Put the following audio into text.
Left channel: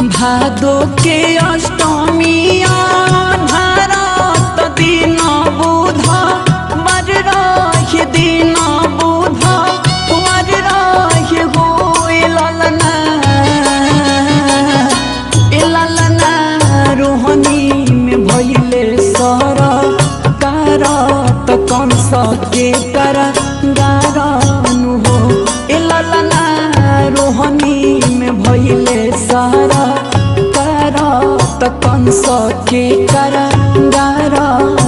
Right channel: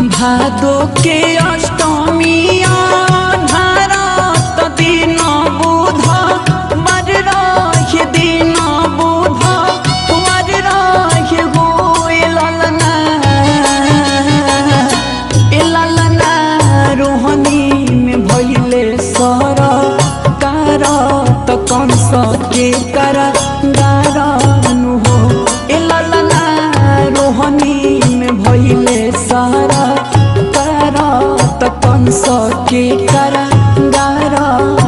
भादो के अष्टमिया भारत दिन बुध बर रहे दिन बुध वर रहे हो ललना रोहनी में भैले सर कारत कंस के करागारनु हो ललना रोहनी में भैले सारा करत कंस के करागारनु।